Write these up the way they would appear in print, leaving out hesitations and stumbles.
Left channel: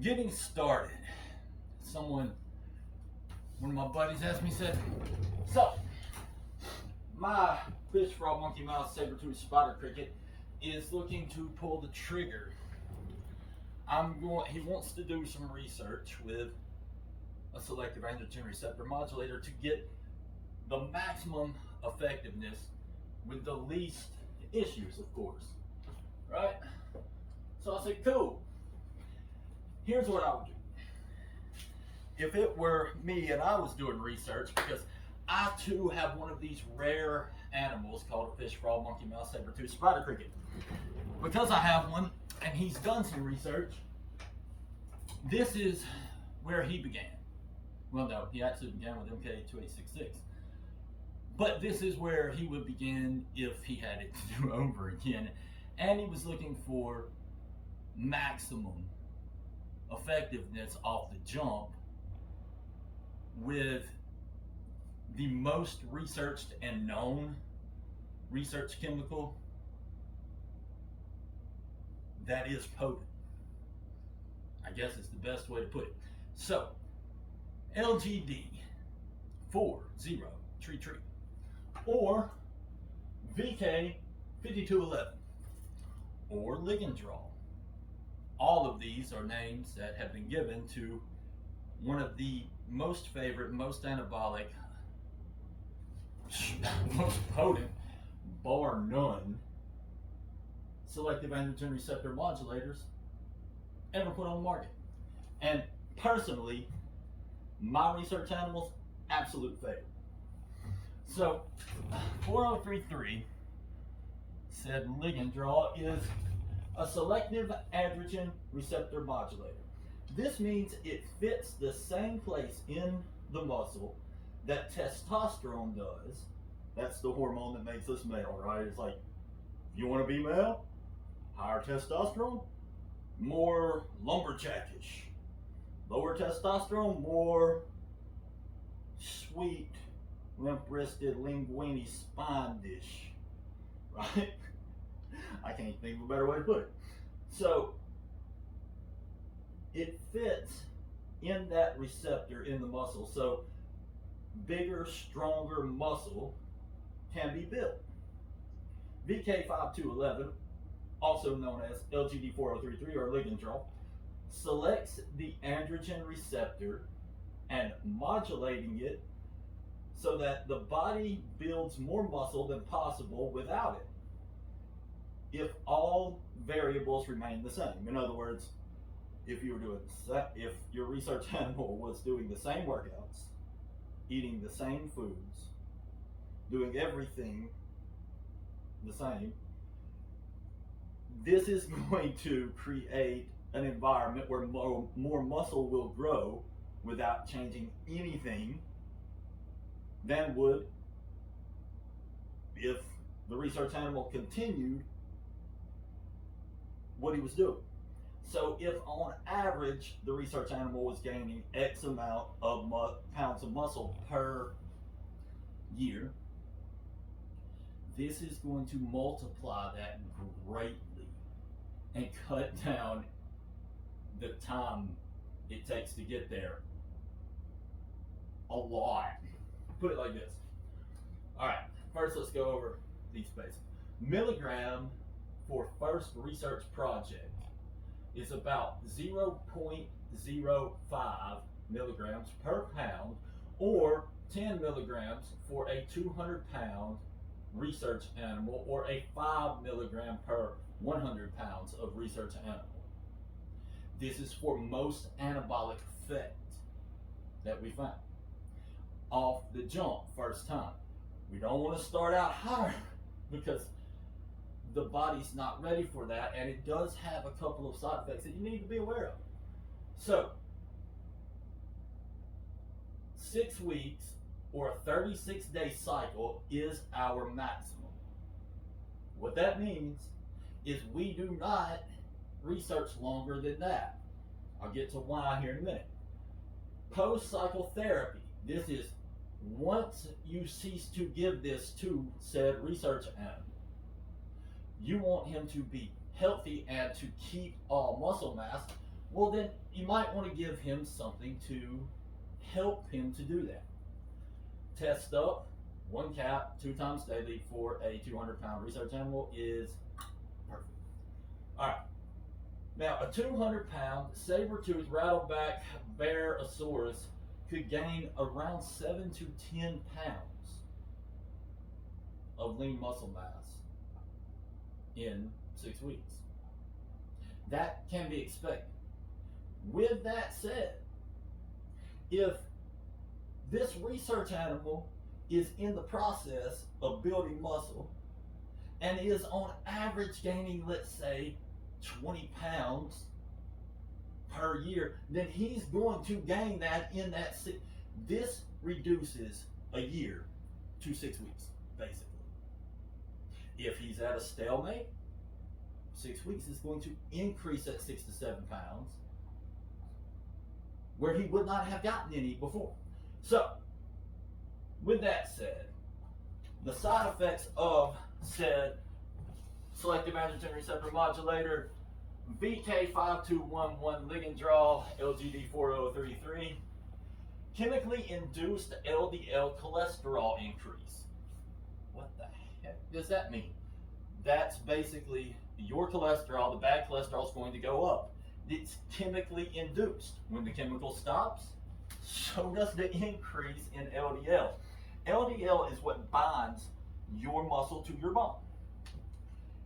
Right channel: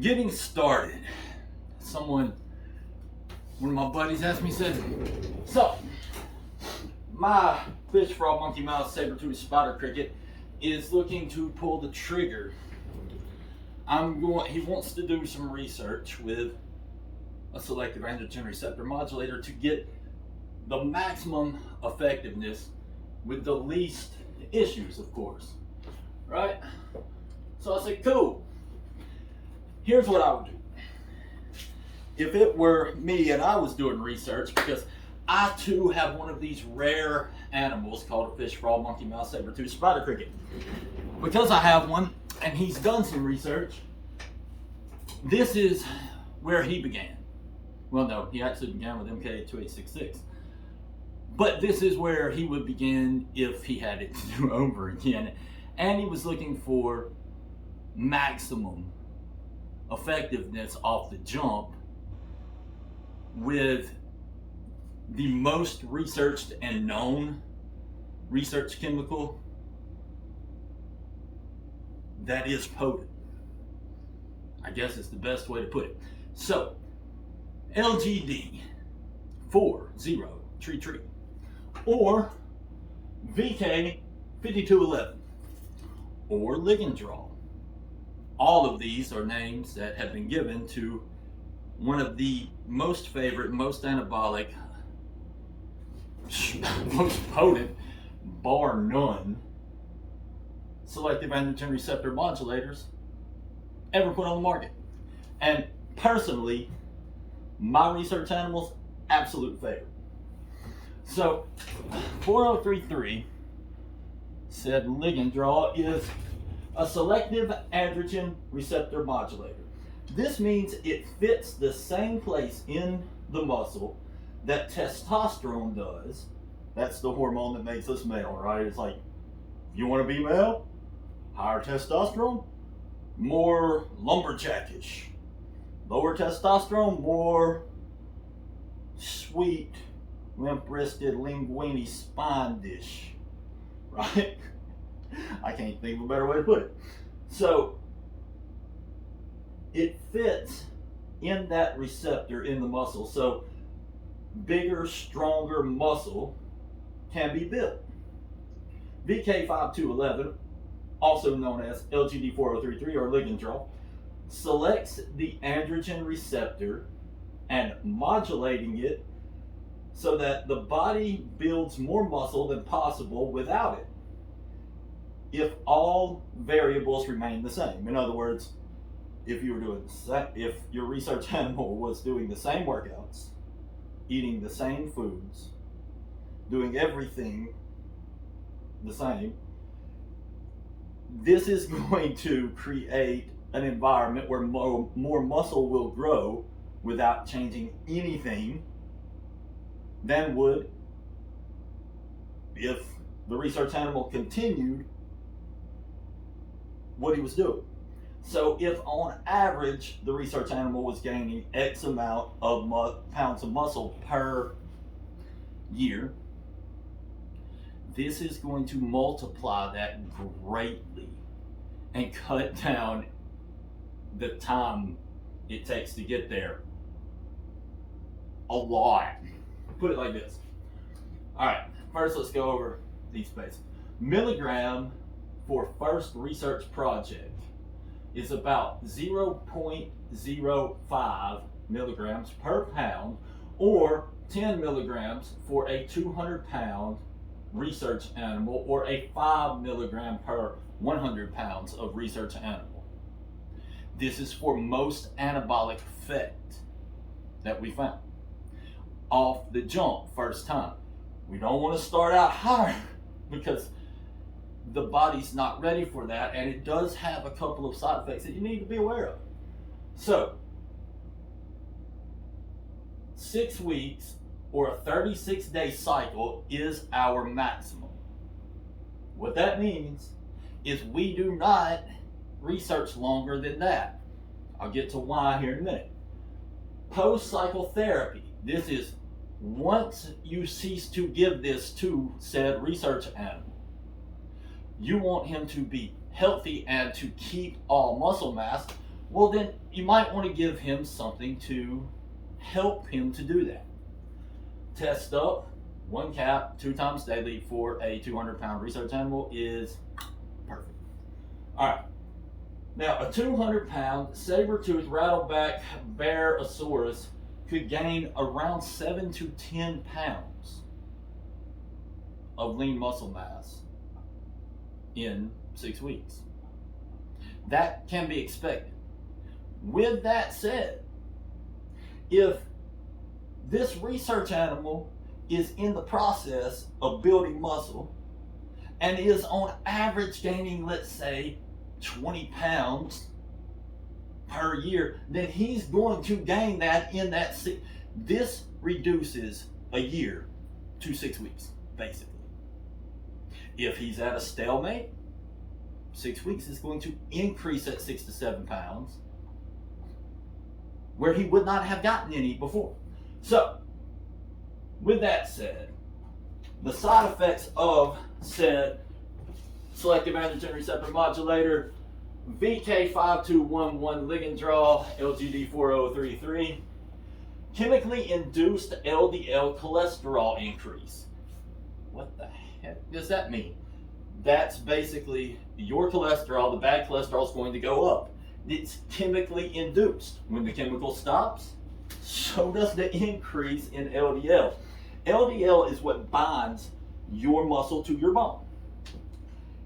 Getting started. One of my buddies asked me, said, so my fish, frog, monkey mouse, saber-tooth, spider cricket is looking to pull the trigger. He wants to do some research with a selective androgen receptor modulator to get the maximum effectiveness with the least issues, of course, right? So I said, cool. Here's what I would do. If it were me and I was doing research, because I too have one of these rare animals called a fish, frog, monkey, mouse, saber-tooth, spider cricket. Because I have one and he's done some research, this is where he began. Well, no, he actually began with MK2866. But this is where he would begin if he had it to do over again. And he was looking for maximum effectiveness off the jump with the most researched and known research chemical that is potent. I guess it's the best way to put it. So, LGD 4033 or VK5211 or ligand draw. All of these are names that have been given to one of the most favorite, most anabolic, most potent, bar none, selective androgen receptor modulators ever put on the market. And personally, my research animals, absolute favorite. So 4033 said ligand draw is a selective androgen receptor modulator. This means it fits the same place in the muscle that testosterone does. That's the hormone that makes us male, right? It's like, you want to be male? Higher testosterone, more lumberjackish. Lower testosterone, more sweet, limp-wristed, linguini spine dish, right? I can't think of a better way to put it. So it fits in that receptor in the muscle. So bigger, stronger muscle can be built. VK5211, also known as LGD4033 or ligand draw, selects the androgen receptor and modulating it so that the body builds more muscle than possible without it, if all variables remain the same. In other words, if your research animal was doing the same workouts, eating the same foods, doing everything the same, this is going to create an environment where more muscle will grow without changing anything than would if the research animal continued what he was doing. So if on average the research animal was gaining X amount of pounds of muscle per year, this is going to multiply that greatly and cut down the time it takes to get there a lot. Put it like this. All right, first let's go over these basics. Milligram for first research project is about 0.05 milligrams per pound, or 10 milligrams for a 200-pound research animal, or a 5 milligram per 100 pounds of research animal. This is for most anabolic effect that we found off the jump first time. We don't want to start out higher because the body's not ready for that, and it does have a couple of side effects that you need to be aware of. So 6 weeks or a 36-day cycle is our maximum. What that means is we do not research longer than that. I'll get to why here in a minute. Post-cycle therapy. This is once you cease to give this to said research animal. You want him to be healthy and to keep all muscle mass well, then you might want to give him something to help him to do that. Test up, 1 cap, 2 times daily for a 200-pound research animal is perfect. All right. Now, a 200-pound saber-toothed rattleback bearosaurus could gain around 7 to 10 pounds of lean muscle mass in 6 weeks. That can be expected. With that said, if this research animal is in the process of building muscle and is on average gaining, let's say, 20 pounds per year, then he's going to gain that in that this reduces a year to 6 weeks, basically. If he's at a stalemate, 6 weeks is going to increase at 6 to 7 pounds, where he would not have gotten any before. So, with that said, the side effects of said selective androgen receptor modulator, VK5211 ligand draw, LGD4033, chemically induced LDL cholesterol increase. What the heck does that mean? That's basically your cholesterol, the bad cholesterol is going to go up. It's chemically induced. When the chemical stops, so does the increase in LDL. LDL is what binds your muscle to your bone.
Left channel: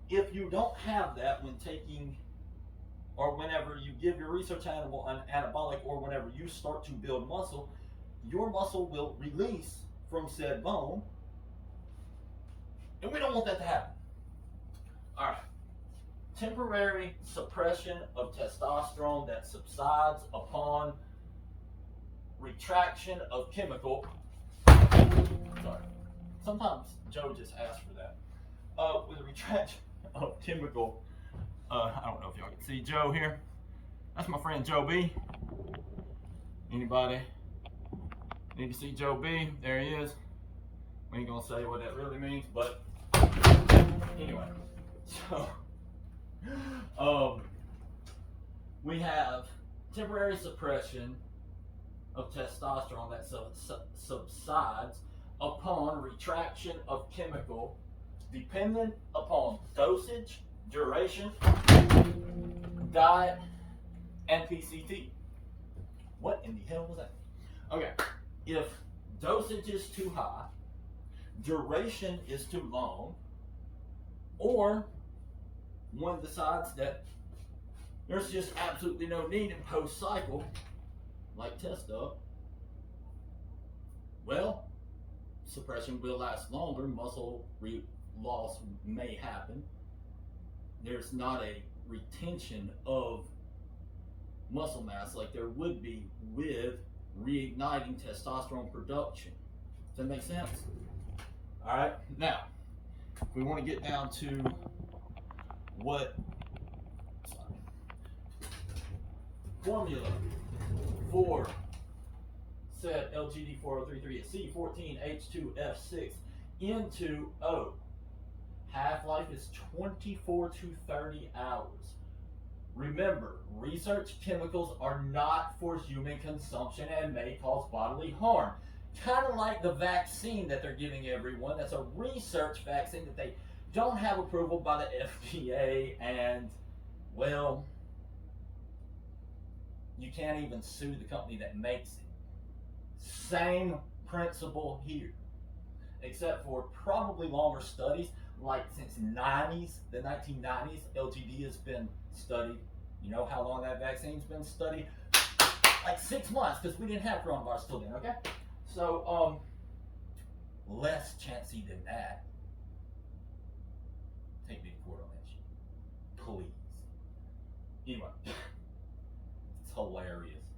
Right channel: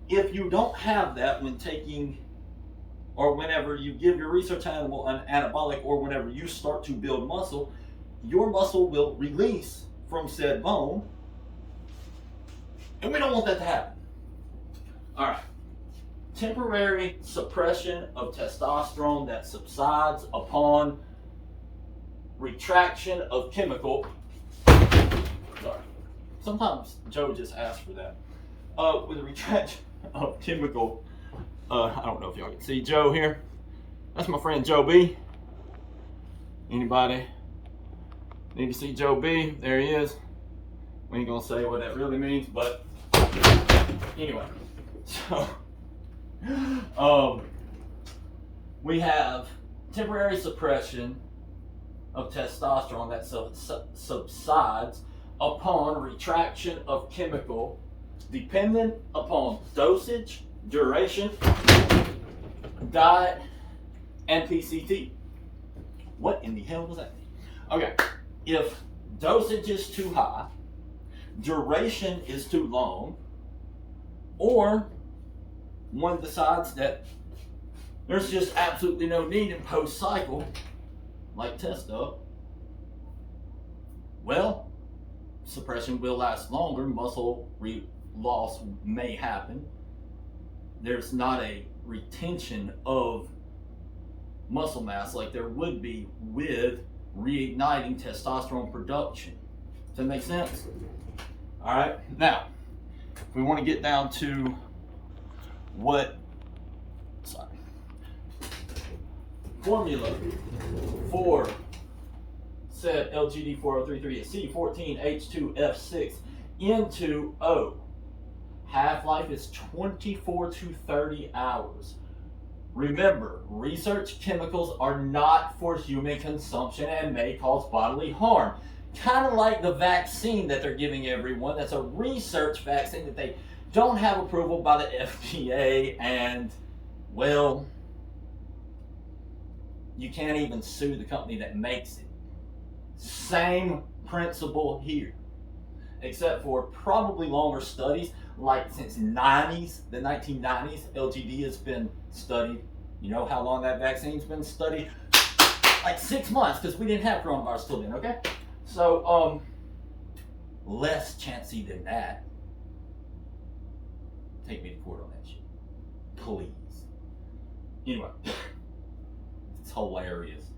If you don't have that when taking, or whenever you give your research animal an anabolic, or whenever you start to build muscle, your muscle will release from said bone, and we don't want that to happen. All right. Temporary suppression of testosterone that subsides upon retraction of chemical. Sorry. Sometimes Joe just asks for that. With a retraction of chemical, I don't know if y'all can see Joe here. That's my friend Joe B. Anybody need to see Joe B? There he is. We ain't gonna say what that really means, but anyway. So, we have temporary suppression of testosterone that subsides upon retraction of chemical, dependent upon dosage, duration, diet, and PCT. What in the hell does that mean? Okay, if dosage is too high, duration is too long, or one decides that there's just absolutely no need in post-cycle, like test up, well, suppression will last longer, muscle loss may happen. There's not a retention of muscle mass like there would be with reigniting testosterone production. Does that make sense? All right, now, if we want to get down to formula for said LGD4033 is C14H2F6 into O. Half-life is 24 to 30 hours. Remember, research chemicals are not for human consumption and may cause bodily harm. Kind of like the vaccine that they're giving everyone. That's a research vaccine that they don't have approval by the FDA, and, well, you can't even sue the company that makes it. Same principle here, except for probably longer studies, like since the 1990s, LGD has been studied. You know how long that vaccine's been studied? Like 6 months, because we didn't have coronavirus till then, okay? So, less chancy than that. Take me to court on that shit, please. Anyway, it's hilarious.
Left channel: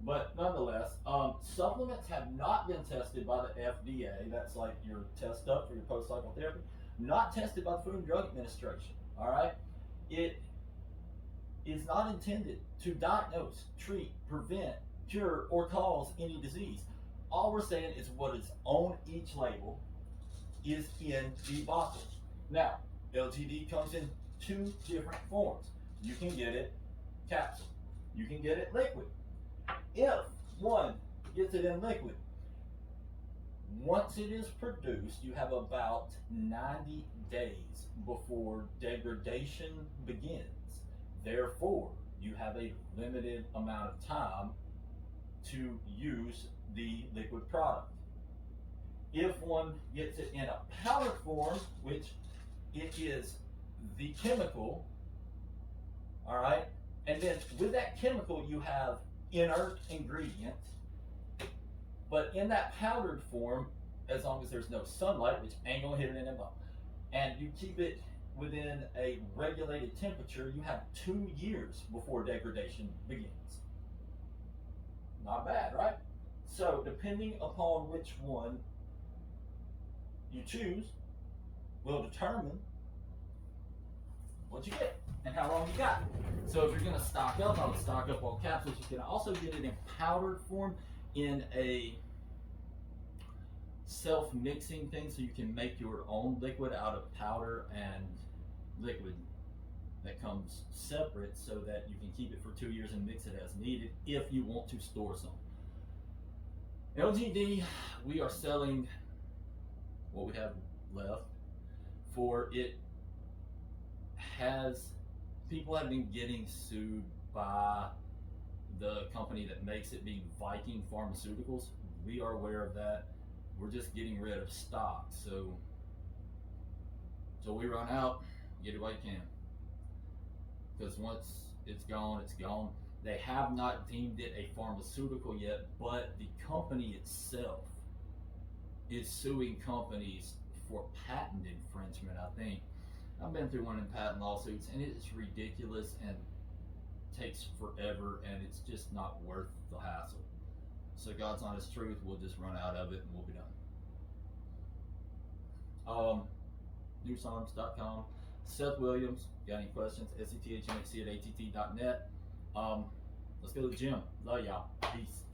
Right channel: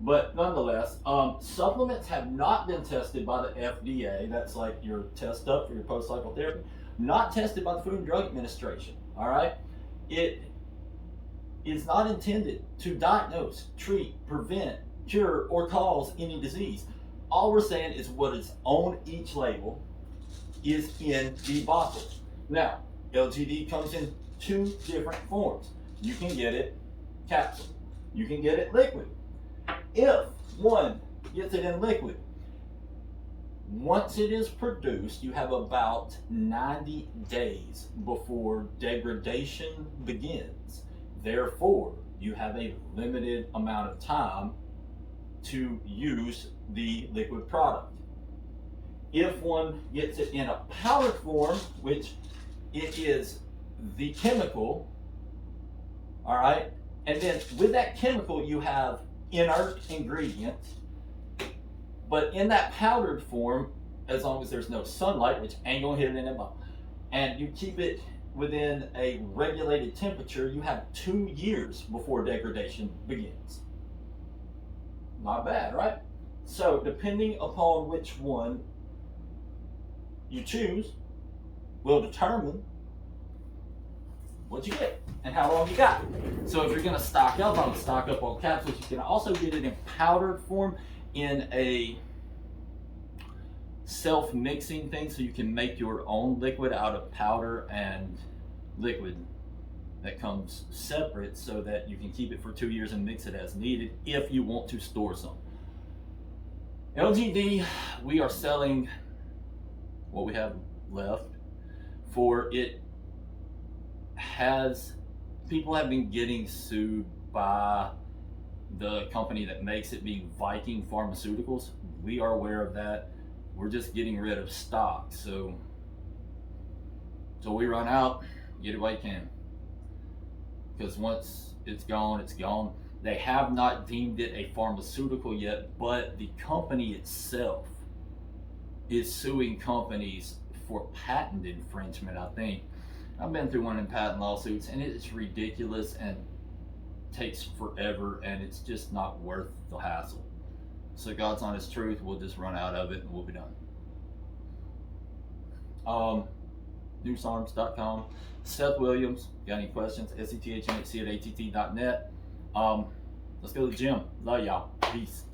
But nonetheless, supplements have not been tested by the FDA. That's like your test up for your post-cycle therapy. Not tested by the Food and Drug Administration. All right? It is not intended to diagnose, treat, prevent, cure, or cause any disease. All we're saying is what is on each label is in the bottle. Now, LGD comes in 2 different forms. You can get it capsule. you can get it liquid. If one gets it in liquid, once it is produced, you have about 90 days before degradation begins. Therefore, you have a limited amount of time to use the liquid product. If one gets it in a powdered form, which it is the chemical, all right, and then with that chemical you have inert ingredients, but in that powdered form, as long as there's no sunlight, which ain't gonna hit it in it, and you keep it within a regulated temperature, you have 2 years before degradation begins. Not bad, right? So depending upon which one you choose will determine what you get and how long you got. So if you're gonna stock up on capsules, you can also get it in powdered form in a self-mixing thing, so you can make your own liquid out of powder and liquid that comes separate, so that you can keep it for 2 years and mix it as needed if you want to store some. LGD, we are selling what we have left, for it has, people have been getting sued by the company that makes it, being Viking Pharmaceuticals. We are aware of that. We're just getting rid of stock. So we run out, get it while you can. Because once it's gone, it's gone. They have not deemed it a pharmaceutical yet, but the company itself is suing companies for patent infringement, I think. I've been through one of them patent lawsuits, and it's ridiculous and takes forever, and it's just not worth the hassle. So God's honest truth, we'll just run out of it and we'll be done. NewSARMs.com. Seth Williams, got any questions? SETHNHC@att.net. Let's go to the gym. Love y'all. Peace.